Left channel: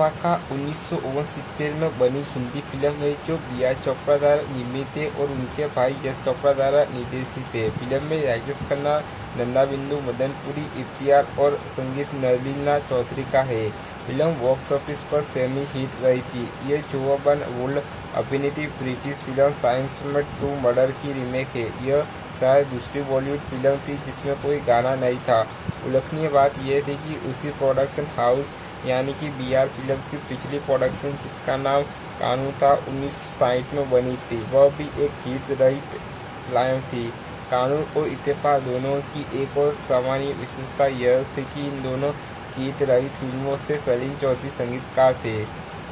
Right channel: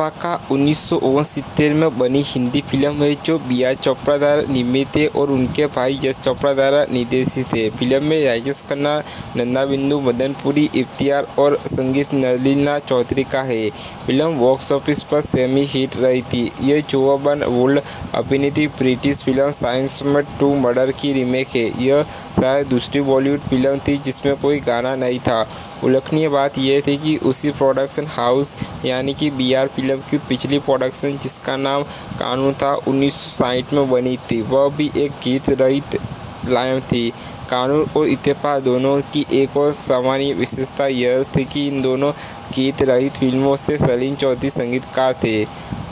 रेखा का 1969 में बनी हिंदी फिल्म है जो बी.आर. चोपड़ा द्वारा निर्मित है और उनके भाई यश चोपड़ा द्वारा निर्देशित है। फिल्म में राजेश खन्ना, नंदा बिंदु, मदनपुरी, इफ्तियार और संगीत नलिनी चौधरी का है। फिल्म बॉक्स ऑफिस पर सेमी हिट रही थी। यह 54 वोल्ट अभिनेत्री ब्रिटिश फिल्म साइंस में 2 मर्डर की रीमेक है। यह शायद दूसरी बॉलीवुड फिल्म थी जिसमें कोई गाना नहीं था। उल्लेखनीय बात यह थी कि उसी प्रोडक्शन हाउस यानी कि बी.आर. फिल्म की पिछली प्रोडक्शन जिसका नाम कानून था 1960 में बनी थी, वह भी एक गीत रहित फिल्म थी। कानून और इत्तेफाक दोनों की एक और सामान्य विशेषता यह थी कि इन दोनों गीत रहित फिल्मों से सलील चौधरी संगीतकार थे।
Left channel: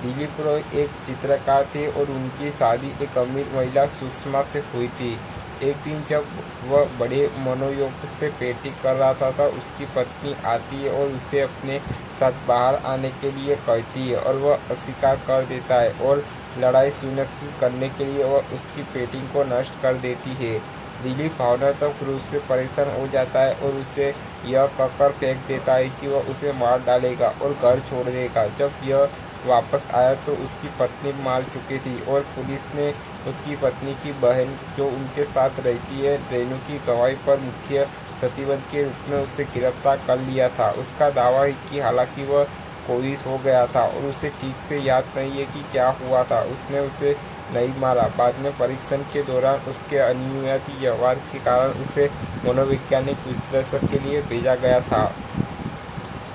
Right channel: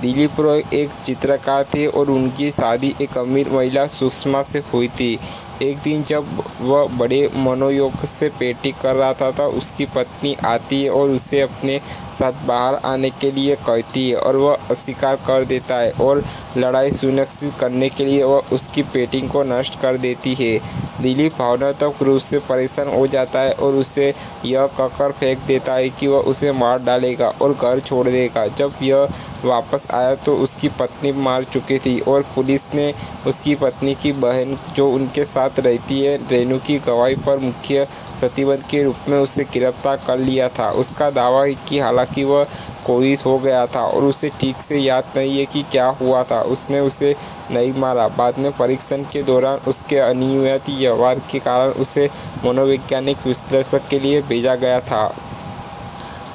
दिलीप रॉय एक चित्रकार थे और उनकी शादी एक अमीर महिला सुषमा से हुई थी। एक दिन जब वह बड़े मनोयोग से पेटी कर रहा था, उसकी पत्नी आती है और उसे अपने साथ बाहर आने के लिए कहती है और वह अस्वीकार कर देता है और लड़ाई सुनिश्चित करने के लिए वह उसकी पेटिंग को नष्ट कर देती है। दिलीप भावनात्मक रूप से परेशान हो जाता है और उसे यह कहकर फेंक देता है कि वह उसे मार डालेगा और घर छोड़ देगा। जब यह वापस आया तो उसकी पत्नी मार चुकी थी और पुलिस ने उसकी पत्नी की बहन जो उनके साथ रहती है रेनू की गवाही पर मुख्य प्रतिबंध के रूप में उसे गिरफ्तार कर लिया था। उसका दावा है कि हालांकि वह क्रोधित हो गया था और उसे ठीक से याद नहीं है कि क्या हुआ था, उसने उसे नहीं मारा। बाद में परीक्षण के दौरान उसके अनियमित व्यवहार के कारण उसे मनोवैज्ञानिक विश्लेषण के लिए भेजा गया था।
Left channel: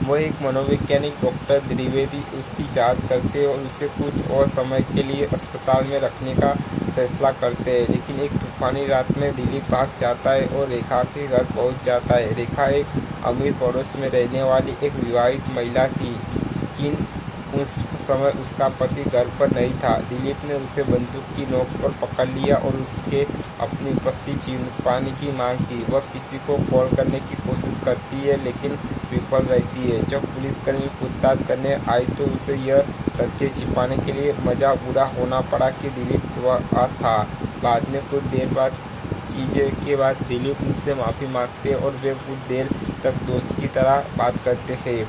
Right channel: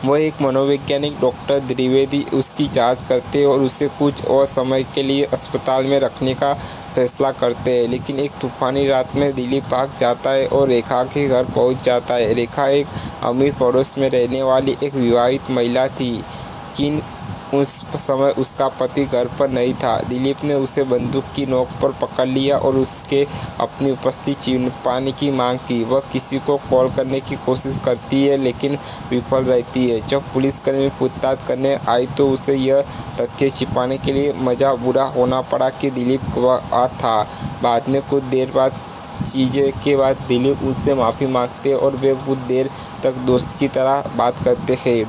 वह एक मनोवैज्ञानिक डॉक्टर द्विवेदी उसकी जांच करते और उसे कुछ और समय के लिए अस्पताल में रखने का फैसला करते हैं। लेकिन एक तूफानी रात में दिलीप भाग जाता है और रेखा के घर पहुंच जाता है। रेखा एक अमीर पड़ोस में रहने वाली एक विवाहित महिला थी, किन उस समय उसका पति घर पर नहीं था। दिलीप ने उसे बंदूक की नोक पर पकड़ लिया और उसके अपनी उपस्थिति छिपाने की मांग की। वह किसी को कॉल करने की कोशिश करती है लेकिन विफल रहती है। जब पुलिसकर्मी पूछताछ करने आई तो उसे यह तथ्य छिपाने के लिए मजा बुरा होना पड़ा कि दिलीप गवाह था। बाद में कुछ देर बाद चीज़ें के बाद दिलीप उनसे माफ़ी मांगते और वे कुछ देर तक दोस्त की तरह बात करते हैं।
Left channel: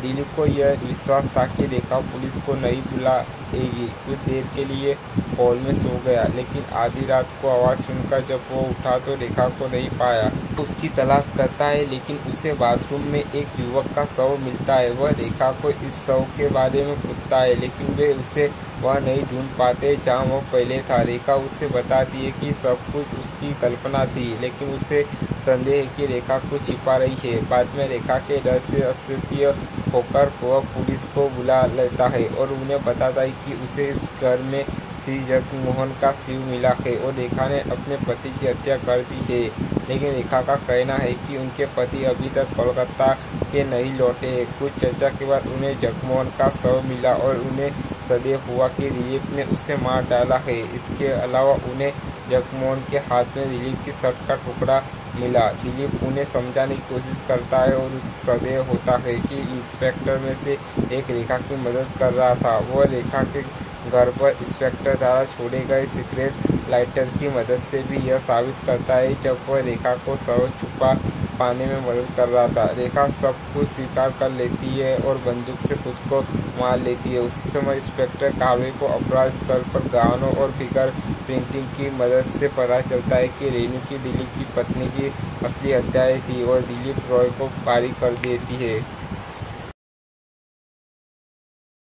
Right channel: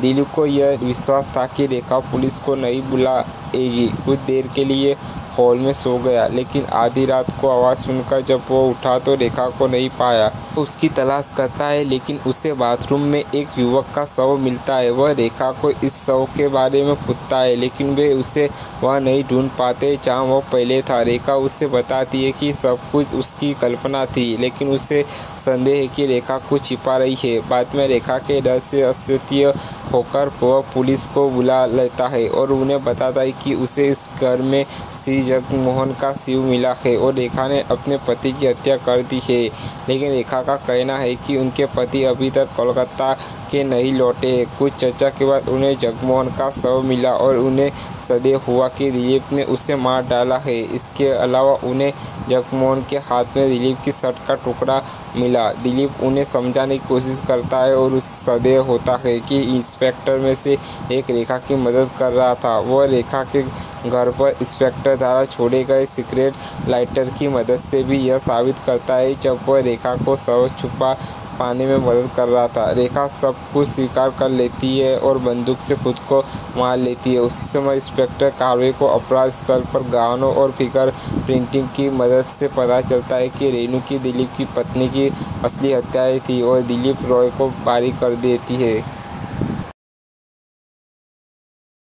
दिलीप को यह विश्वास था कि रेखा पुलिस को नहीं बुलाएगी। कुछ देर के लिए हॉल में सो गया, लेकिन आधी रात को आवाज़ सुनकर जब वो उठा तो रेखा को नहीं पाया। उसकी तलाश करता है लेकिन उसे बाथरूम में एक युवक का शव मिलता है। वह रेखा को इस शव के बारे में पूछता है लेकिन वे उसे वह नहीं ढूंढ पाते जहाँ वो पहले था। रेखा उसे बताती है कि सब कुछ उसकी कल्पना थी, लेकिन उसे संदेह है कि रेखा कुछ छिपा रही है। बाद में रेखा के डर से असह्य होकर वह पुलिस को बुला लेता है और उन्हें बताता है कि उसे इस घर में श्री जगमोहन का शिव मिला है और रेखा ने अपने पति की हत्या कर दी है। लेकिन रेखा का कहना है कि उनके पति अभी तक कोलकाता के नहीं लौटे। कुछ चर्चा के बाद उन्हें जगमोहन का शव मिला और उन्हें संदेह हुआ कि दिलीप ने उसे मार डाला है। इसके अलावा उन्हें जगमोहन के हाथ में दिलीप की शर्ट का टुकड़ा मिला। दिलीप उन्हें समझाने की कोशिश करता है और उसे संदेह होता है कि इंस्पेक्टर में से एक रेखा की मदद कर रहा था। वह रेखा के घर पर इंस्पेक्टर द्वारा छोड़े गए सिगरेट लाइटर की मदद से भी यह साबित करता है जब वह रेखा को शव छुपा पाने में मदद कर रहा था। रेखा सब कुछ स्वीकार कर लेती है और बंदूक से खुद को मार लेती है। उसी समय इंस्पेक्टर कार्रवाई को अपराध स्थल पर गवाहों और फिंगर प्रिंटिंग की मदद से पता चलता है कि रेनू की दिलीप की पत्नी की असली हत्याएं थी और दिलीप रॉय को बरी कर देती है।